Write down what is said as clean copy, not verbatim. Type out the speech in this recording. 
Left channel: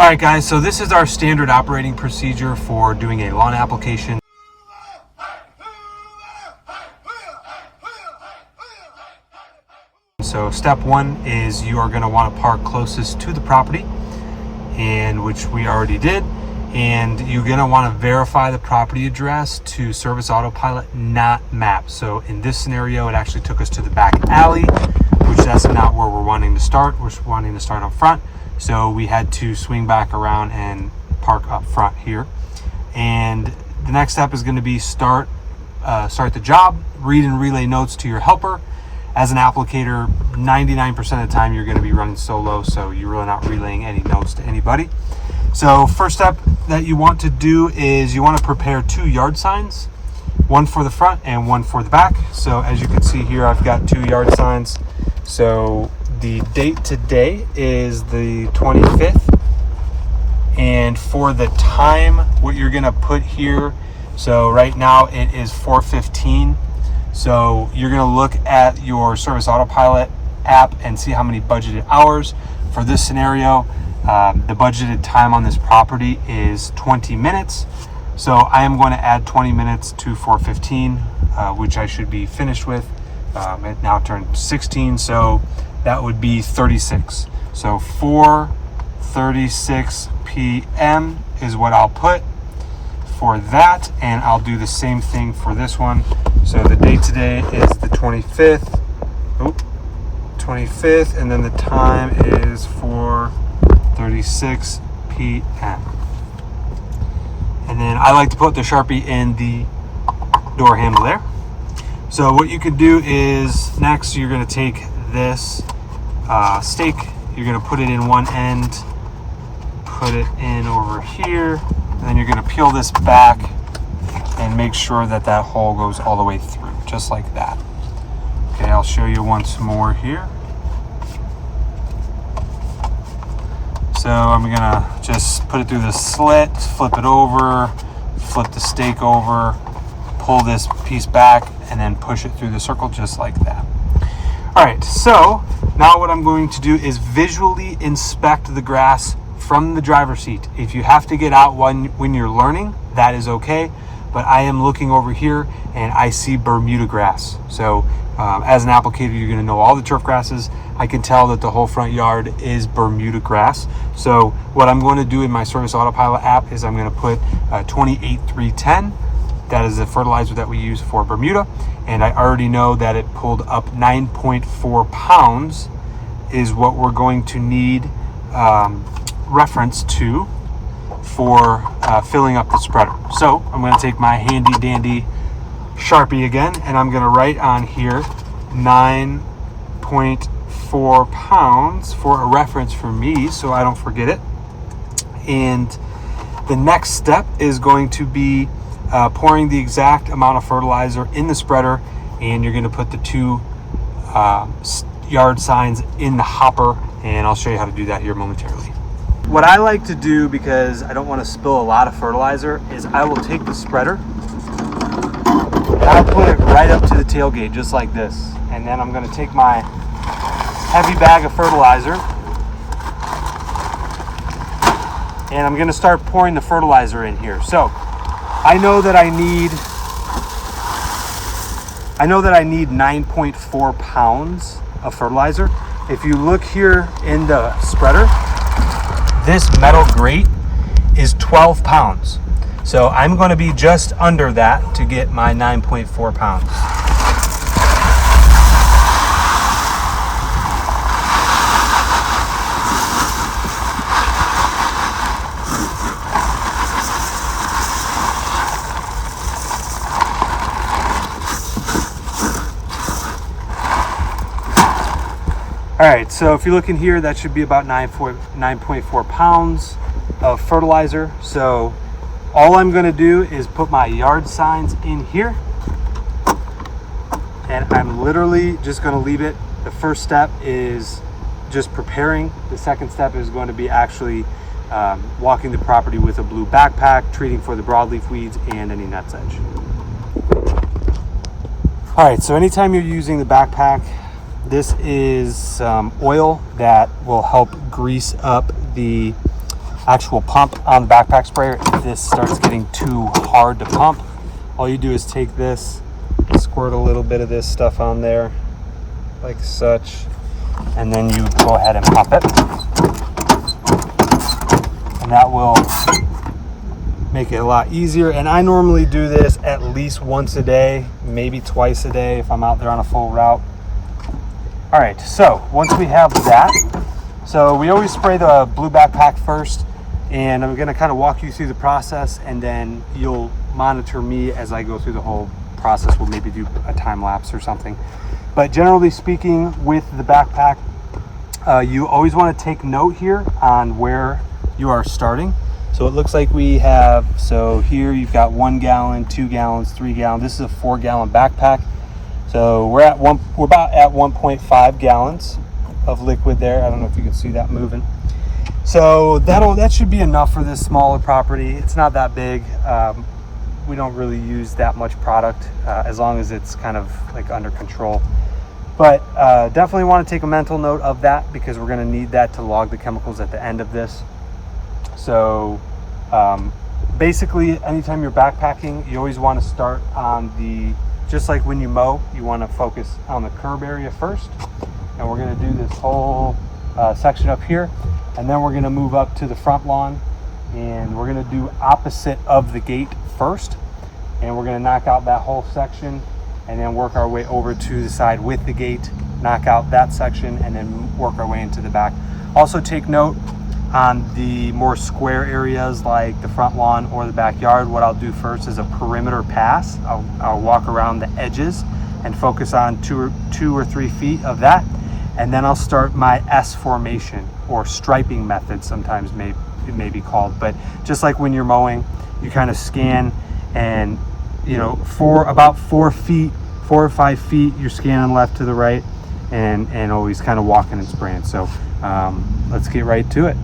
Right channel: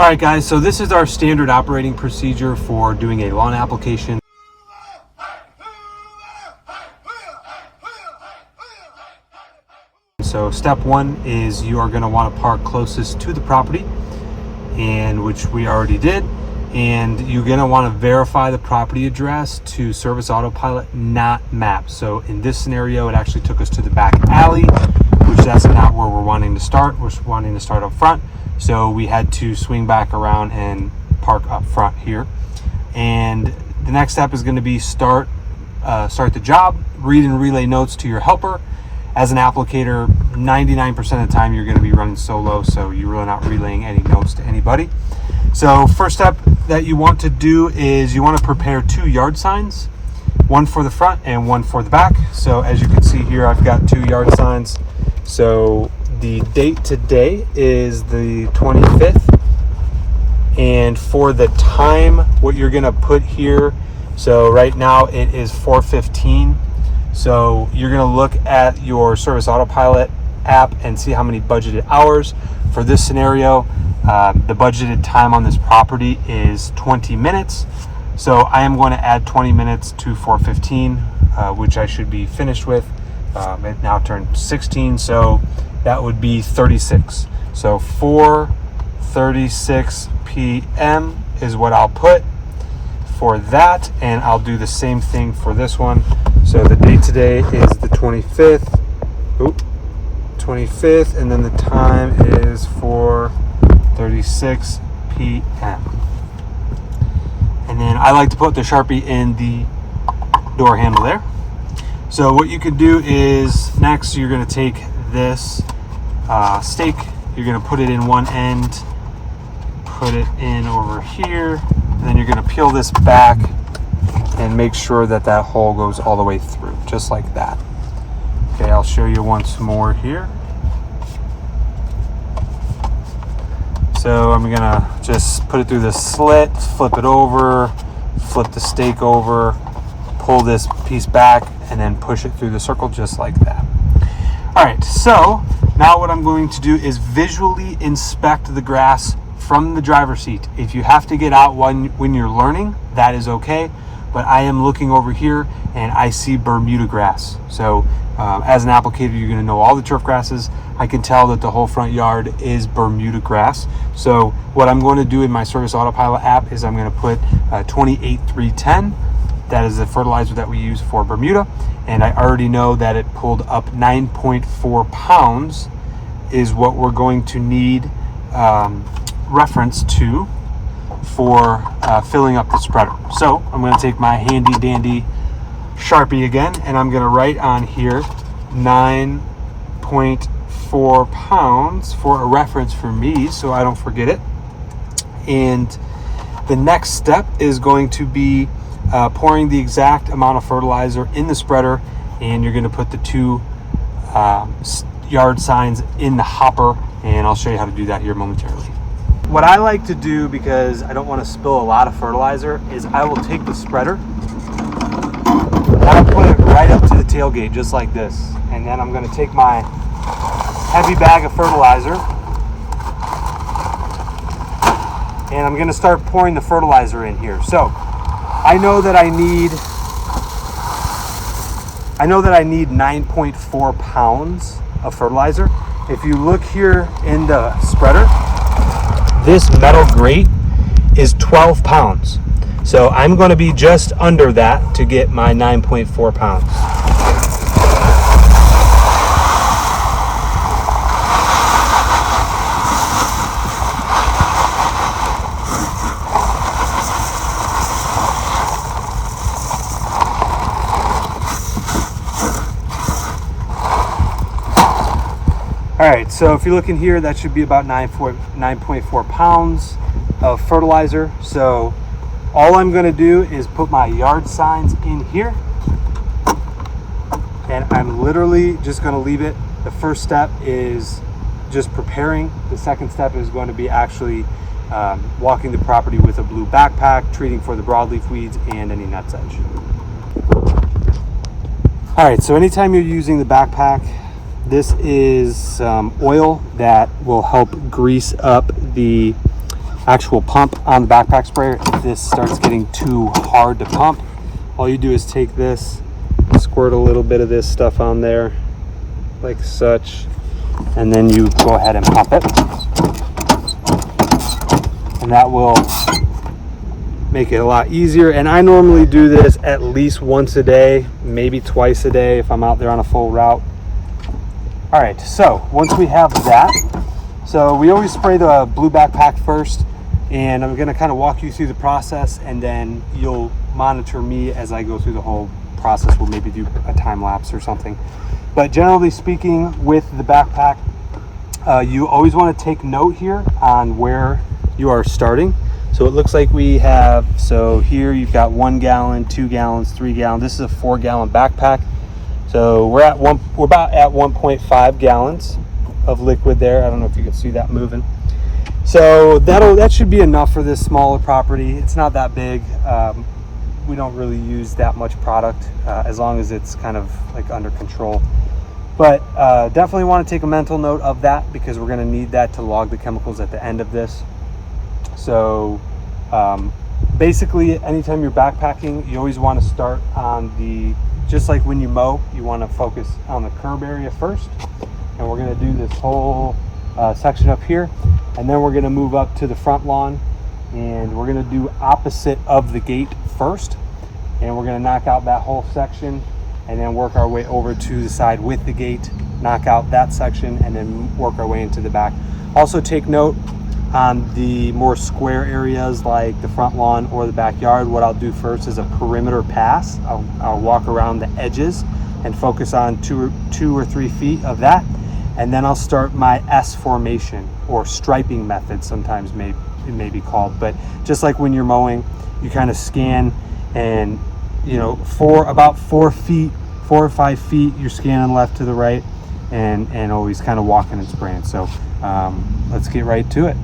All right, guys, so this is our standard operating procedure for doing a lawn application. So step one is you are going to want to park closest to the property, and which we already did. And you're going to want to verify the property address to Service Autopilot, not map. So in this scenario, it actually took us to the back alley, which that's not where we're wanting to start. We're wanting to start up front. So we had to swing back around and park up front here. And the next step is going to be start the job, read and relay notes to your helper. As an applicator, 99% of the time you're going to be running solo, so you're really not relaying any notes to anybody. So first step that you want to do is you want to prepare 2 yard signs, one for the front and one for the back. So as you can see here, I've got 2 yard signs. So the date today is the 25th, and for the time, what you're going to put here, so right now it is 4:15. So you're going to look at your Service Autopilot app and see how many budgeted hours. For this scenario, the budgeted time on this property is 20 minutes. So I am going to add 20 minutes to 4:15, which I should be finished with. It now turned 16, so that would be 36. So 4:36 p.m. is what I'll put for that, and I'll do the same thing for this one. So the date today is the 25th. 25th, and then the time is 4:36 p.m. And then I like to put the Sharpie in the door handle there. So what you could do is next you're going to take this stake, you're going to put it in one end, put it in over here, and then you're going to peel this back and make sure that that hole goes all the way through, just like that. Okay, I'll show you once more here. So I'm gonna just put it through the slit, flip it over, flip the stake over, pull this piece back, and then push it through the circle just like that. All right, so now what I'm going to do is visually inspect the grass from the driver's seat. If you have to get out when you're learning, that is okay. But I am looking over here and I see Bermuda grass. So as an applicator, you're gonna know all the turf grasses. I can tell that the whole front yard is Bermuda grass. So what I'm going to do in my Service Autopilot app is I'm gonna put 28310. That is the fertilizer that we use for Bermuda. And I already know that it pulled up 9.4 pounds is what we're going to need reference to for filling up the spreader. So I'm going to take my handy dandy Sharpie again, and I'm going to write on here 9.4 pounds for a reference for me so I don't forget it. And the next step is going to be pouring the exact amount of fertilizer in the spreader, and you're going to put the 2 yard signs in the hopper, and I'll show you how to do that here momentarily. What I like to do, because I don't want to spill a lot of fertilizer, is I will take the spreader and I'll put it right up to the tailgate just like this. And then I'm going to take my heavy bag of fertilizer and I'm going to start pouring the fertilizer in here. So I know that I need 9.4 pounds of fertilizer. If you look here in the spreader, this metal grate is 12 pounds. So I'm going to be just under that to get my 9.4 pounds. All right, so if you look in here, that should be about 9.4 pounds of fertilizer. So all I'm gonna do is put my yard signs in here, and I'm literally just gonna leave it. The first step is just preparing. The second step is going to be actually walking the property with a blue backpack, treating for the broadleaf weeds and any nutsedge. All right, so anytime you're using the backpack, this is oil that will help grease up the actual pump on the backpack sprayer, if this starts getting too hard to pump, all you do is take this, squirt a little bit of this stuff on there like such, and then you go ahead and pump it, and that will make it a lot easier. And I normally do this at least once a day, maybe twice a day if I'm out there on a full route. All right, so once we have that, so we always spray the blue backpack first, and I'm gonna kind of walk you through the process, and then you'll monitor me as I go through the whole process. We'll maybe do a time lapse or something. But generally speaking, with the backpack, you always want to take note here on where you are starting. So it looks like we have, so here you've got 1 gallon, 2 gallons, 3 gallons. This is a 4-gallon backpack. So we're about at 1.5 gallons of liquid there. I don't know if you can see that moving. So that should be enough for this smaller property. It's not that big. We don't really use that much product as long as it's kind of like under control. But definitely want to take a mental note of that, because we're going to need that to log the chemicals at the end of this. So basically, anytime you're backpacking, you always want to start on the, just like when you mow, you want to focus on the curb area first. And we're going to do this whole section up here, and then we're going to move up to the front lawn, and we're going to do opposite of the gate first, and we're going to knock out that whole section, and then work our way over to the side with the gate, knock out that section, and then work our way into the back. Also take note on the more square areas like the front lawn or the backyard. What I'll do first is a perimeter pass. I'll walk around the edges and focus on two or 3 feet of that, and then I'll start my S formation, or striping method sometimes it may be called. But just like when you're mowing, you kind of scan, and you know, for about 4 or 5 feet, you're scanning left to the right, and always kind of walking and spraying. So let's get right to it.